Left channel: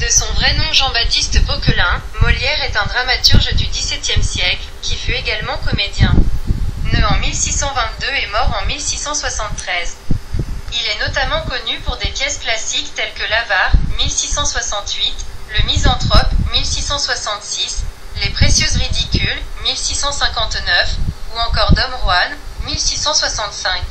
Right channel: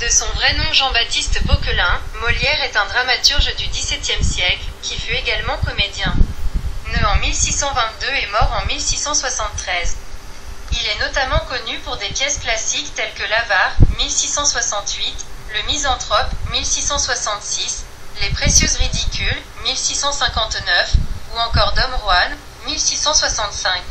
De son vrai nom Jean-Baptiste Poquelin, Molière est un dramaturge du XVIIe siècle, qui fut également comédien. Né en 1622 et mort en 1673. Il est notamment connu pour des pièces classiques telles que l'Avare, 1668, Le Misanthrope, 1666, Les Précieuses Ridicules, 1659, ou encore Dom Juan, 1665.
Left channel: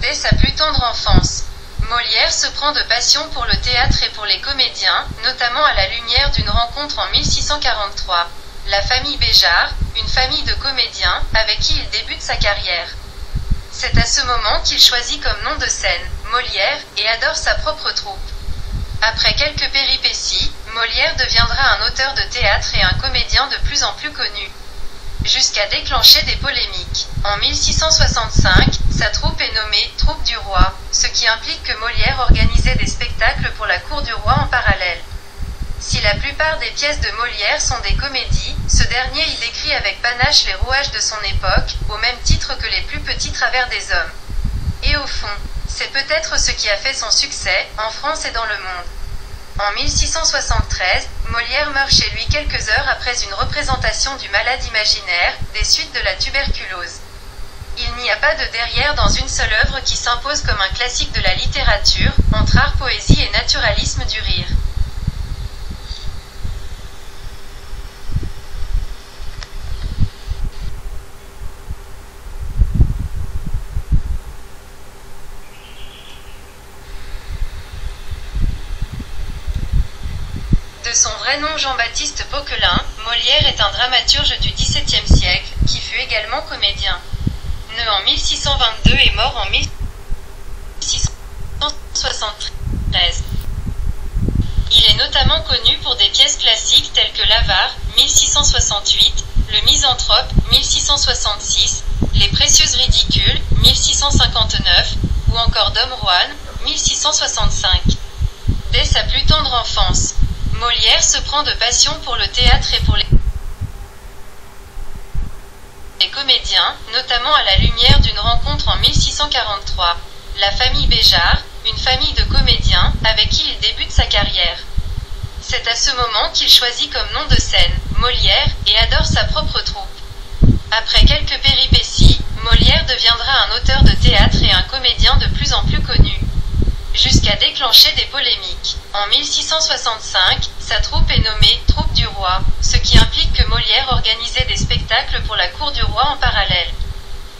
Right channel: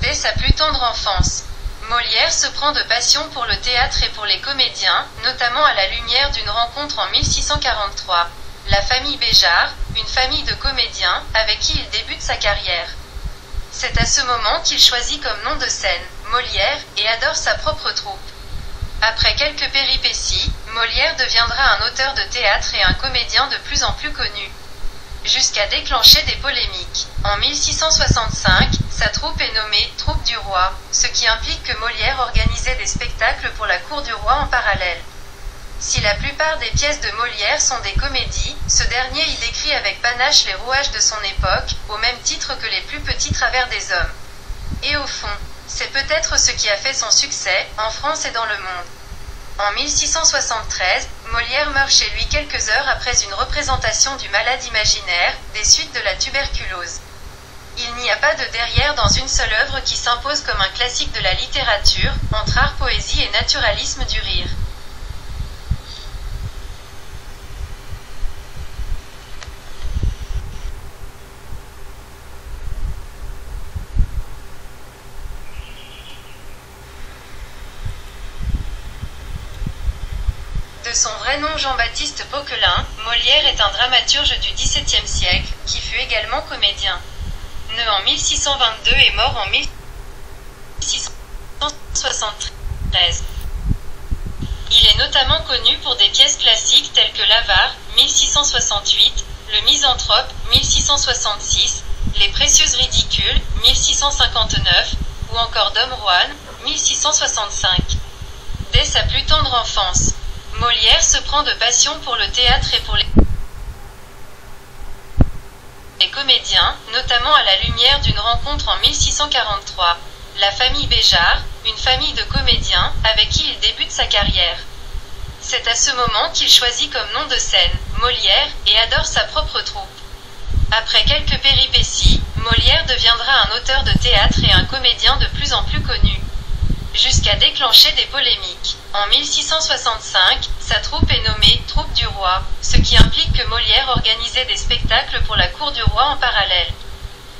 Dès sa plus tendre enfance, Molière se prend de passion pour le théâtre et pour les comédiens, notamment à la lumière d'une rencontre en 1643. La famille Béjart, une famille de comédiens, avec qui il débute sa carrière. C'est à ce moment qu'il choisit comme nom de scène Molière et adore sa propre troupe. Après quelques péripéties, Molière deviendra un auteur de théâtre et un comédien de plus en plus connu. Jusqu'à déclencher des polémiques. En 1665, sa troupe est nommée « Troupe du Roi », ce qui implique que Molière organisait des spectacles pour la cour du roi en parallèle. Si la plupart des pièces de Molière sont des comédies, ce dernier y décrit avec panache les rouages de son époque, au même titre que les plus petits travers des hommes. Et au fond, c'est peut-être ce qui a fait son succès, en France et dans le monde. En 1673, Molière meurt chez lui quelques heures après une représentation du Malade imaginaire, des suites de la tuberculose. Il n'y a pas de derrière dans une seule œuvre qui s'impose comme un classique de la littérature, entre art, poésie et naturalisme du rire. De son vrai nom Jean-Baptiste Poquelin, Molière est un dramaturge du XVIIe siècle, qui fut également comédien. Né en 1622 et mort en 1673. Il est notamment connu pour des pièces classiques telles que l'Avare, 1668, Le Misanthrope, 1666, Les Précieuses Ridicules, 1659, ou encore Dom Juan, 1665. Dès sa plus tendre enfance, Molière se prend de passion pour le théâtre et pour les comédiens, notamment à la lumière d'une rencontre en 1643. La famille Béjart, une famille de comédiens, avec qui il débute sa carrière. C'est à ce moment qu'il choisit comme nom de scène Molière et adore sa propre troupe. Après quelques péripéties, Molière deviendra un auteur de théâtre et un comédien de plus en plus connu. Jusqu'à déclencher des polémiques. En 1665, sa troupe est nommée « Troupe du Roi », ce qui implique que Molière organisait des spectacles pour la cour du roi en parallèle.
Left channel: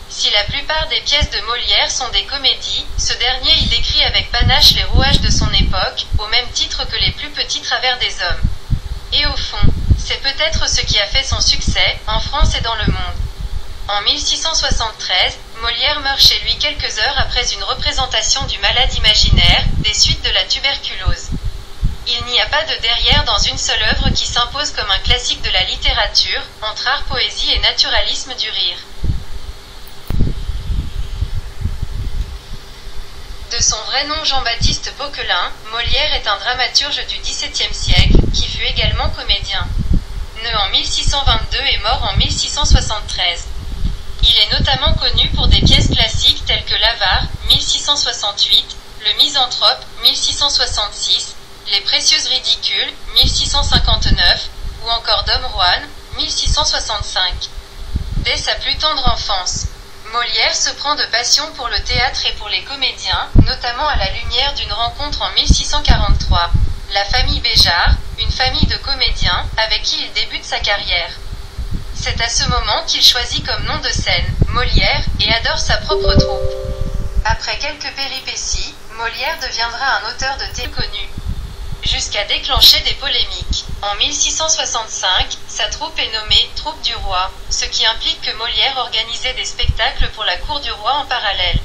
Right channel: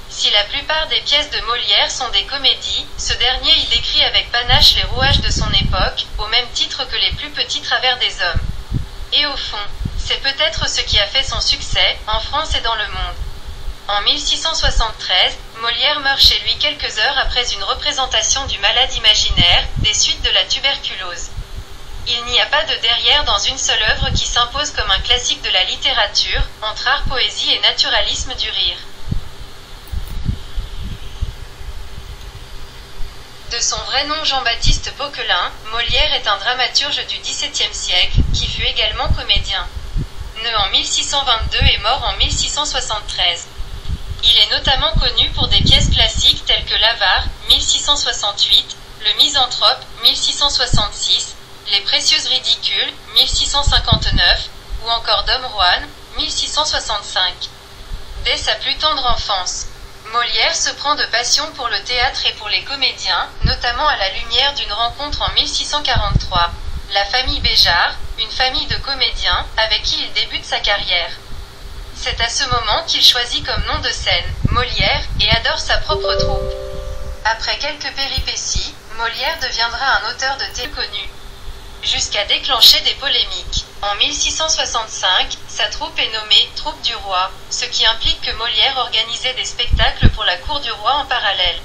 Si la plupart des pièces de Molière sont des comédies, ce dernier y décrit avec panache les rouages de son époque, au même titre que les plus petits travers des hommes. Et au fond, c'est peut-être ce qui a fait son succès, en France et dans le monde. En 1673, Molière meurt chez lui quelques heures après une représentation du Malade imaginaire, des suites de la tuberculose. Il n'y a pas de derrière dans une seule œuvre qui s'impose comme un classique de la littérature, entre art, poésie et naturalisme du rire. De son vrai nom Jean-Baptiste Poquelin, Molière est un dramaturge du XVIIe siècle, qui fut également comédien. Né en 1622 et mort en 1673. Il est notamment connu pour des pièces classiques telles que l'Avare, 1668, Le Misanthrope, 1666, Les Précieuses Ridicules, 1659, ou encore Dom Juan, 1665. Dès sa plus tendre enfance, Molière se prend de passion pour le théâtre et pour les comédiens, notamment à la lumière d'une rencontre en 1643. La famille Béjart, une famille de comédiens, avec qui il débute sa carrière. C'est à ce moment qu'il choisit comme nom de scène Molière et adore sa propre troupe. Après quelques péripéties, Molière deviendra un auteur de théâtre connu. Jusqu'à déclencher des polémiques. En 1665, sa troupe est nommée « Troupe du Roi », ce qui implique que Molière organisait des spectacles pour la cour du roi en parallèle.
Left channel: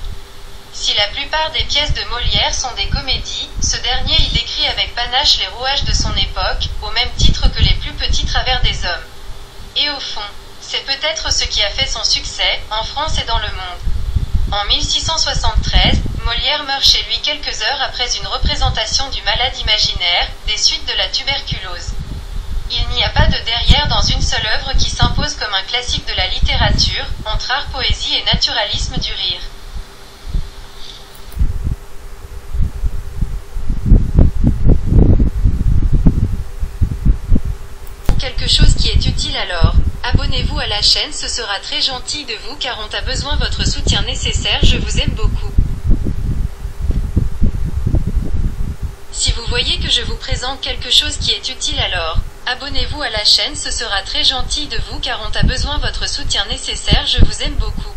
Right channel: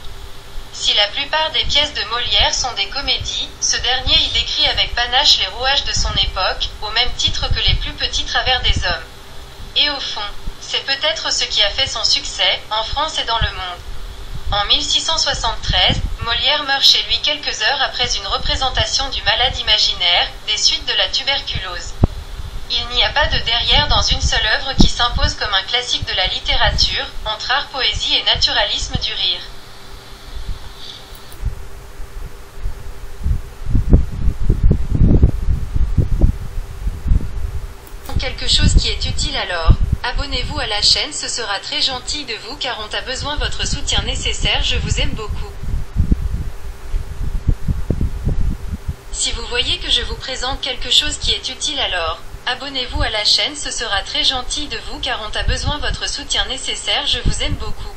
Si la plupart des pièces de Molière sont des comédies, ce dernier y décrit avec panache les rouages de son époque, au même titre que les plus petits travers des hommes. Et au fond, c'est peut-être ce qui a fait son succès, en France et dans le monde. En 1673, Molière meurt chez lui quelques heures après une représentation du Malade imaginaire, des suites de la tuberculose. Il n'y a pas de derrière dans une seule œuvre qui s'impose comme un classique de la littérature, entre art, poésie et naturalisme du rire. quelque chose qui est utile alors, abonnez-vous à la chaîne, ce sera très gentil de vous car on a besoin de votre soutien nécessaire, je vous aime beaucoup. Si vous voyez que je vous présente quelque chose qui est utile alors, abonnez-vous à la chaîne, ce sera très gentil de vous car on a besoin de votre soutien nécessaire, je vous aime beaucoup.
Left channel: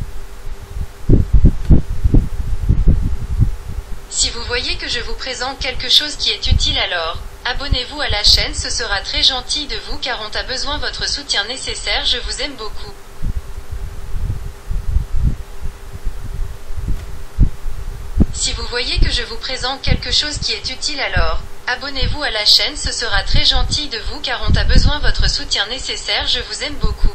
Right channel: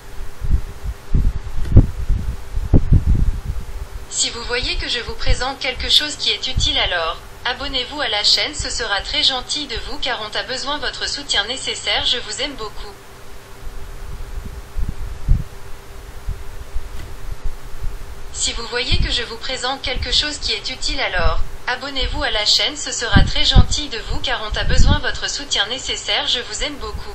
Si vous voyez que je vous présente quelque chose qui est utile alors, abonnez-vous à la chaîne, ce sera très gentil de vous car on a besoin de votre soutien nécessaire, je vous aime beaucoup. Si vous voyez que je vous présente quelque chose qui est utile alors, abonnez-vous à la chaîne, ce sera très gentil de vous car on a besoin de votre soutien nécessaire, je vous aime beaucoup.